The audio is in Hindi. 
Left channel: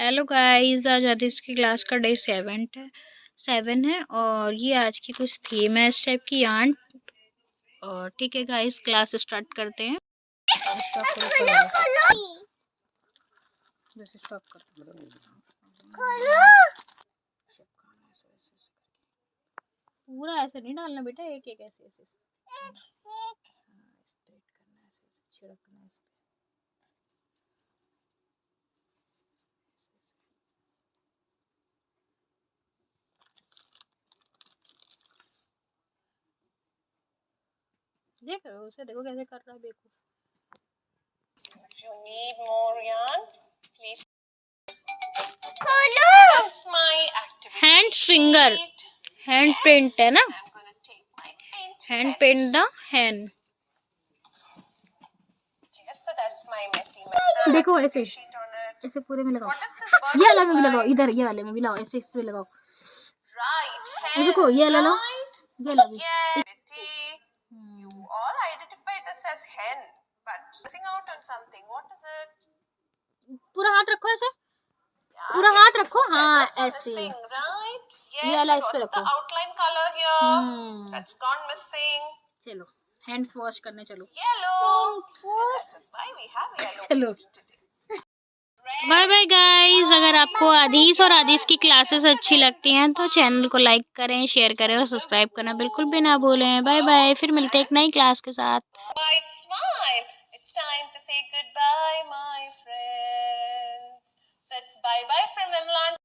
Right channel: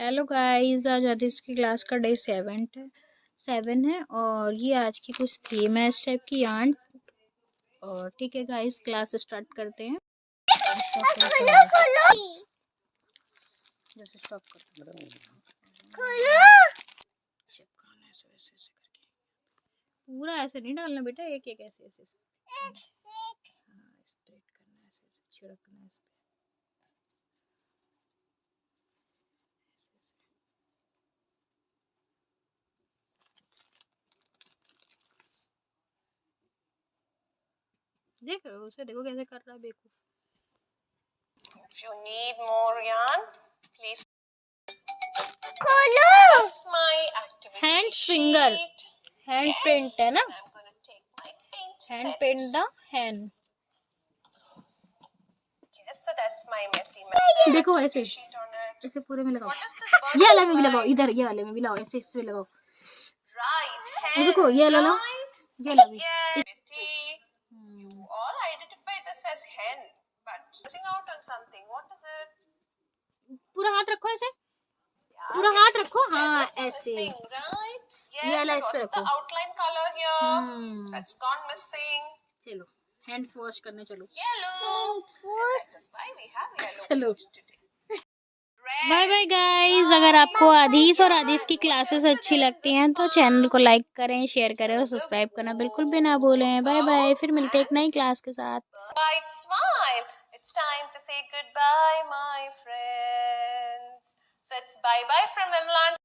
हेलो गाइस, आज आदिश की क्लास का डे 7 है और ये आज की कुछ थीम है इस टाइप की आंट। और ठीक है गाइस, क्लास स्टार्ट करते हैं। स्टॉप करते हैं। पूरा ऐसे नहीं डालना बेटा, एक एक ऐसे ऐसे स्प्रेड करना, ऐसे छिड़कना इस पे। देखो उसे, देखो कैसे कर रहा है, देखो। If you need more yarn, please. That's my activity hand finger, sheet. Hand print है ना, I'm gonna take my paint hand set. Paint the hand. Yes, so that's my messy method. देखो ऐसे Sheet on it. ऐसे पूरे में लगाओ, What does this bird ये वाले में भी look लगाओ, like? इधर ये वाले में भी लगाओ, ऐसे इसमें लगाओ। Right, ये देखो, hen, ये वाला लो, right? ये लो भी। Yeah, Betty. You all identify this as hen, but missing out on something. What is it? पूरा हाथ रखो ऐसे, Yeah, पूरा हाथ getting रखो, the हाँ feathers are ऐसे। missing, right? ये Yes, वाला and इस पे what's the रखो। outline color here? That's gone missing. चलो हैंड्स वॉश करने चलो। Yellow. And that is why we have yellow चलो paint today. Bye bye guys. अगर आपको आदिश और आदिश की क्लासेस अच्छी लगती हैं तो चैनल को लाइक करें, शेयर करें और सब्सक्राइब करना बिल्कुल भी ना भूलें। बाय बाय, फिर मिलते हैं एक नई क्लास के साथ। White smile. It's time to say goodbye, my friends. So it's bye bye from Imlan.